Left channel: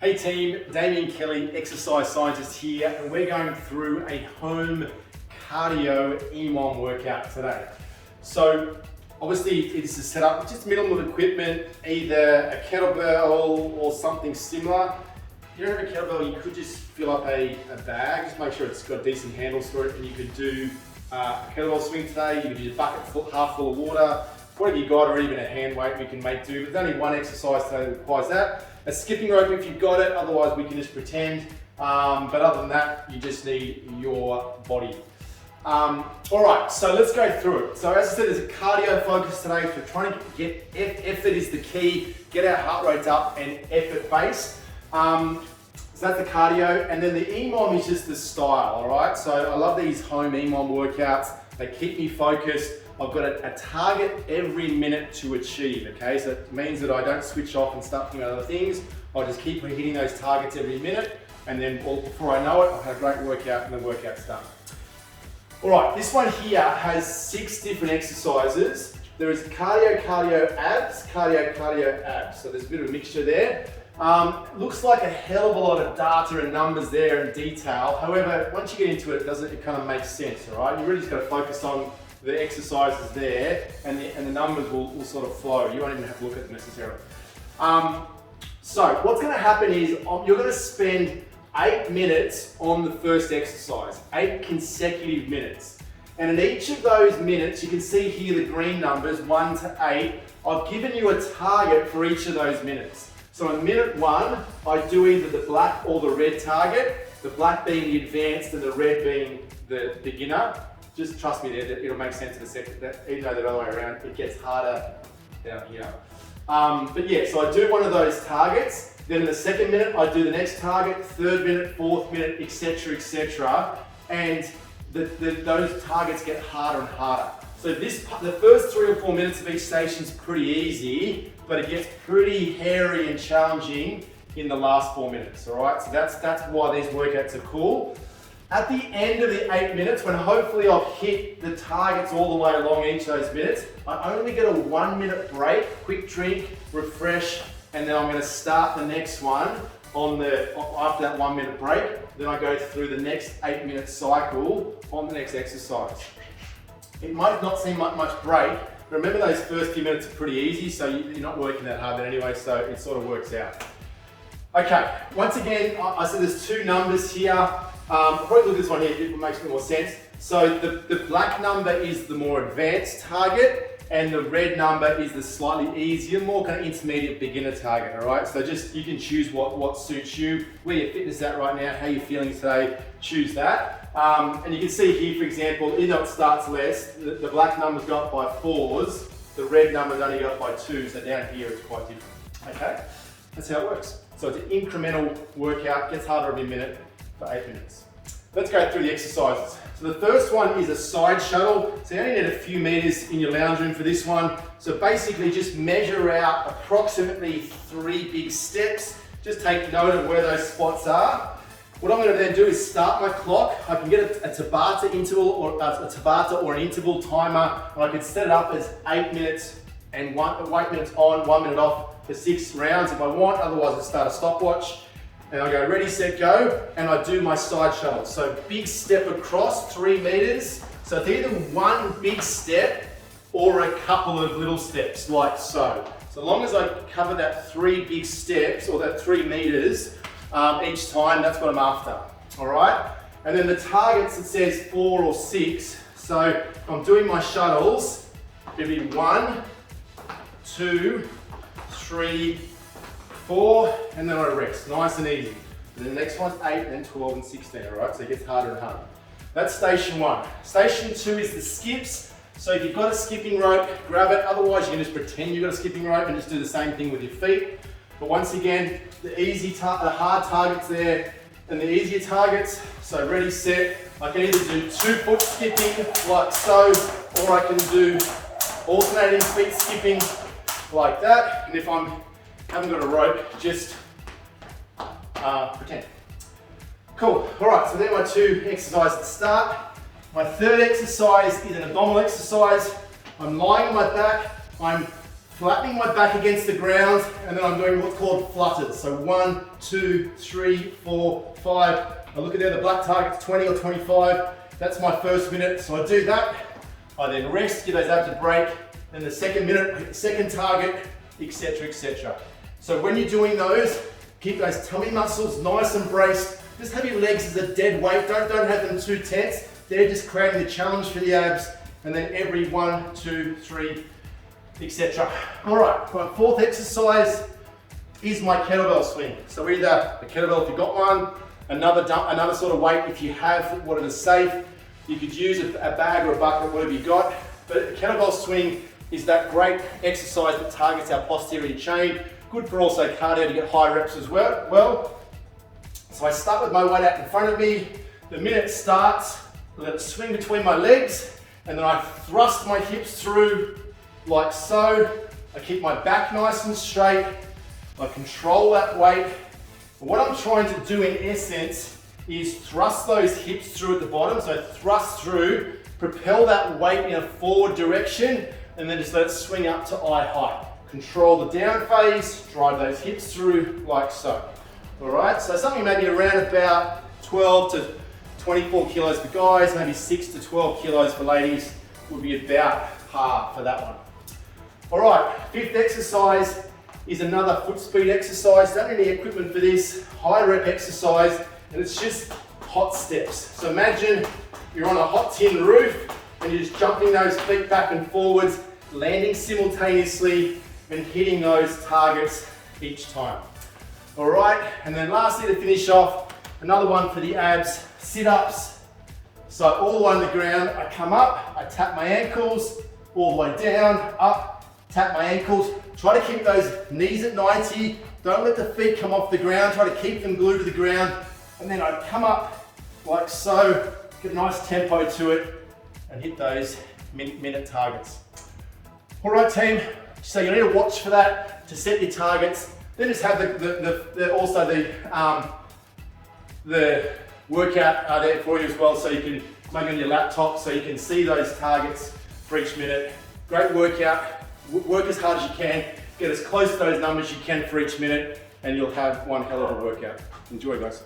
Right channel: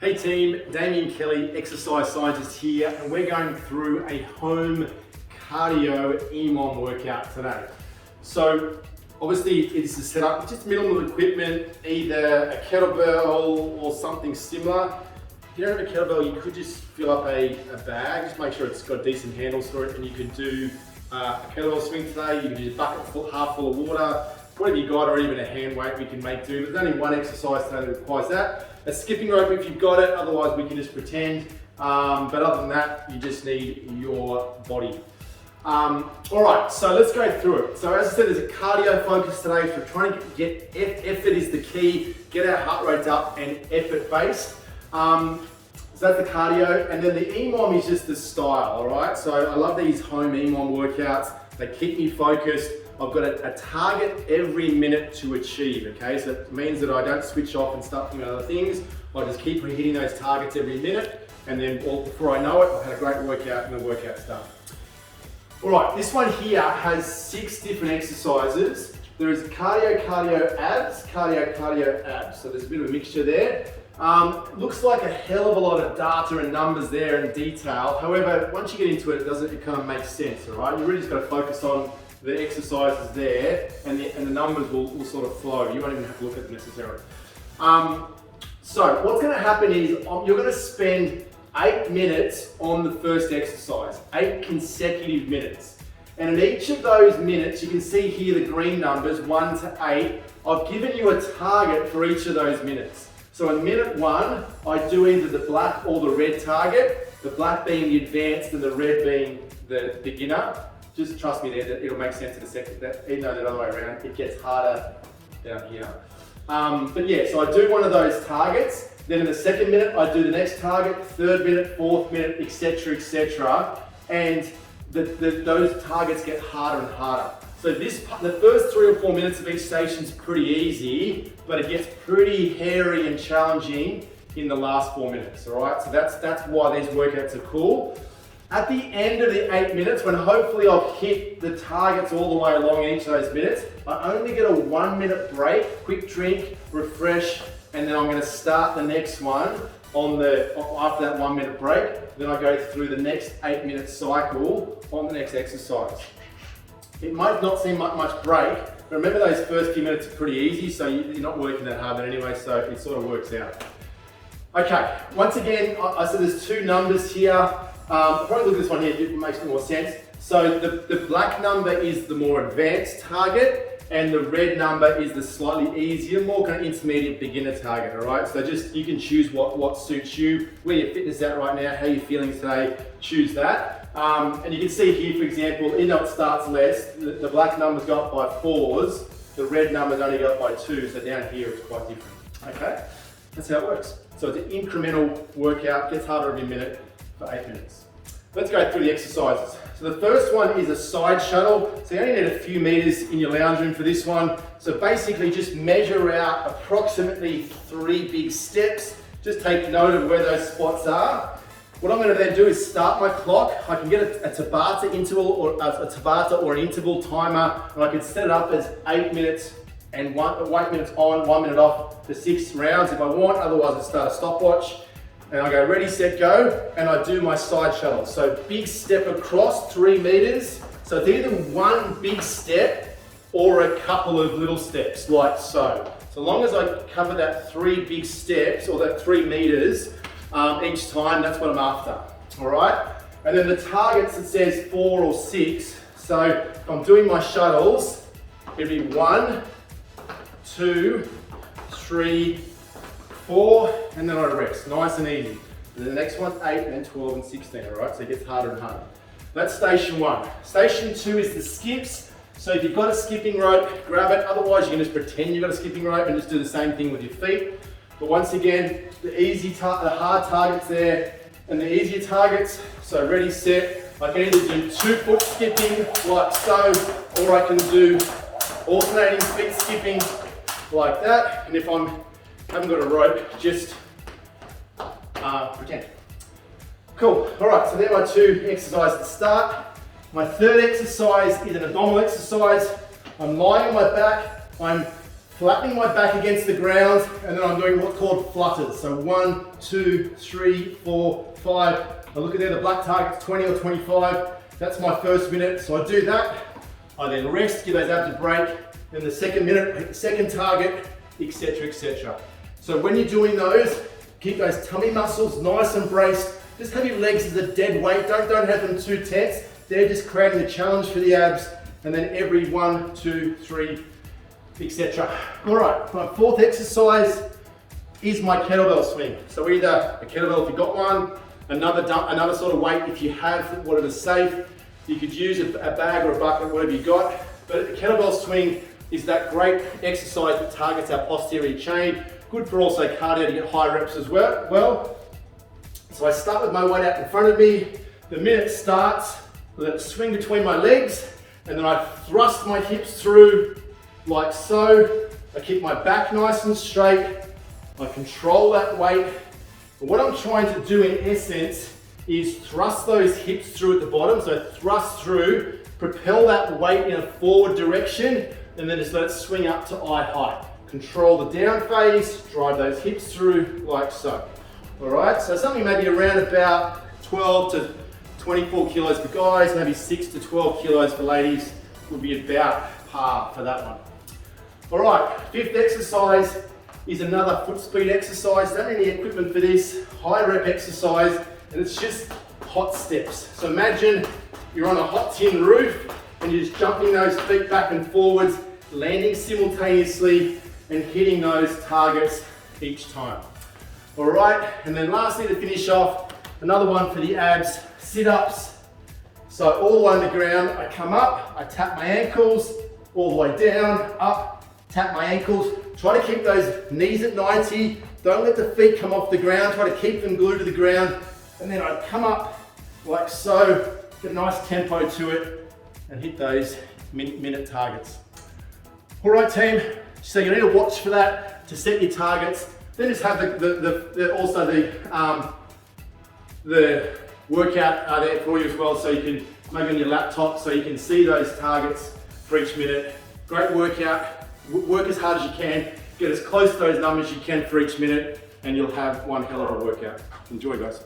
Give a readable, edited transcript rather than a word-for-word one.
Hey team, Damien Kelly, exercise scientist here, and we're going through a home cardio EMOM workout today. So obviously it's set up with just minimal equipment, either a kettlebell or something similar. If you don't have a kettlebell, you could just fill up a bag, just make sure it's got decent handles for it, and you could do a kettlebell swing today. You could do a bucket half full of water, whatever you got, or even a hand weight we can make do. There's only one exercise today that requires that. A skipping rope if you've got it, otherwise we can just pretend. But other than that, you just need your body. All right, so let's go through it. So as I said, there's a cardio focus today, so we're trying to get effort is the key, get our heart rate up and effort based. So that's the cardio, and then the EMOM is just the style, all right? So I love these home EMOM workouts. They keep me focused. I've got a target every minute to achieve, okay? So it means that I don't switch off and start doing other things. I just keep hitting those targets every minute, and then before I know it, I've had a great workout and the workout's done. All right, this one here has 6 different exercises. There is cardio, abs, cardio, abs. So there's a bit of a mixture there. Looks like a hell of a lot of data and numbers there and detail. However, once you get into it, it kind of makes sense, all right? You really just got to focus on the exercises there, and the numbers will sort of flow. You won't even have to look at them necessarily. So what's going to happen is you're going to spend 8 minutes on the first exercise, 8 consecutive minutes. And in each of those minutes, you can see here the green numbers, 1 to 8. I've given you a target for each of those minutes. So in minute 1, I do either the black or the red target, the black being the advanced and the red being the beginner. Just trust me there, it'll make sense in a second, that even though the other way around, it gets harder down here. But yeah, so I do one of those targets, then in the second minute, I do the next target, third minute, fourth minute, etc. And those targets get harder and harder. So the first 3 or 4 minutes of each station is pretty easy, but it gets pretty hairy and challenging in the last 4 minutes, all right? So that's why these workouts are cool. At the end of the 8 minutes, when hopefully I've hit the targets all the way along each of those minutes, I only get a 1 minute break, quick drink, refresh, and then I'm going to start the next one after that 1 minute break. Then I go through the next 8 minute cycle on the next exercise. It might not seem much break, but remember those first few minutes are pretty easy, so you're not working that hard anyway, so it sort of works out. Okay, once again, I said there's 2 numbers here. Probably look at this one here, it makes more sense. So the black number is the more advanced target, and the red number is the slightly easier, more kind of intermediate beginner target, all right? So just, you can choose what suits you, where your fitness is at right now, how you're feeling today, choose that. And you can see here, for example, even though it starts less, the black numbers go up by 4s, the red numbers only go up by 2, so down here it's quite different, okay? That's how it works. So it's an incremental workout, gets harder every minute for 8 minutes. Let's go through the exercises. So the first one is a side shuttle. So you only need a few meters in your lounge room for this one. So basically just measure out approximately 3 big steps. Just take note of where those spots are. What I'm going to then do is start my clock. I can get a Tabata interval or an interval timer, and I can set it up as 8 minutes and 8 minutes on, 1 minute off for 6 rounds if I want. Otherwise, I'll start a stopwatch. And I go ready, set, go, and I do my side shuttle. So big step across, 3 meters. So it's either one big step or a couple of little steps, like so. So long as I cover that 3 big steps or that 3 meters each time, that's what I'm after, all right? And then the targets, it says 4 or 6. So if I'm doing my shuttles, it'll be 1, 2, 3, 4, and then I rest, nice and easy. And then the next one's 8, and then 12 and 16, all right? So it gets harder and harder. That's station 1. Station 2 is the skips. So if you've got a skipping rope, grab it. Otherwise, you can just pretend you've got a skipping rope and just do the same thing with your feet. But once again, the hard targets there, and the easier targets. So ready, set. I can either do 2-foot skipping, like so, or I can do alternating feet skipping, like that. And if I haven't got a rope, just pretend. Cool, all right, so they're my 2 exercises to start. My third exercise is an abdominal exercise. I'm lying on my back, I'm flattening my back against the ground, and then I'm doing what's called flutters. So 1, 2, 3, 4, 5. I look at there, the black target's 20 or 25. That's my first minute. So I do that. I then rest, give those abs a break. Then the second minute, hit the second target, etc., etc. So when you're doing those, keep those tummy muscles nice and braced. Just have your legs as a dead weight. Don't have them too tense. They're just creating the challenge for the abs. And then every 1, 2, 3, etc. All right, my fourth exercise is my kettlebell swing. So either a kettlebell if you've got one, another sort of weight if you have what is safe. You could use a bag or a bucket, whatever you got. But a kettlebell swing is that great exercise that targets our posterior chain. Good for also cardio to get high reps as well. So I start with my weight out in front of me. The minute starts, I let it swing between my legs, and then I thrust my hips through like so. I keep my back nice and straight. I control that weight. And what I'm trying to do in essence is thrust those hips through at the bottom. So thrust through, propel that weight in a forward direction, and then just let it swing up to eye height. Control the down phase, drive those hips through like so. All right, so something maybe around about 12 to 24 kilos for guys, maybe 6 to 12 kilos for ladies would be about par for that one. All right, fifth exercise is another foot speed exercise. Don't need any equipment for this, high rep exercise, and it's just hot steps. So imagine you're on a hot tin roof and you're just jumping those feet back and forwards, landing simultaneously and hitting those targets each time. All right, and then lastly to finish off, another one for the abs, sit-ups. So all the way on the ground, I come up, I tap my ankles, all the way down, up, tap my ankles. Try to keep those knees at 90. Don't let the feet come off the ground. Try to keep them glued to the ground. And then I come up like so, get a nice tempo to it, and hit those minute targets. All right, team, so you need to watch for that to set your targets. Then just have the workout there for you as well, so you can maybe on your laptop, so you can see those targets for each minute. Great workout. Work as hard as you can. Get as close to those numbers you can for each minute, and you'll have one hell of a workout. Enjoy, guys.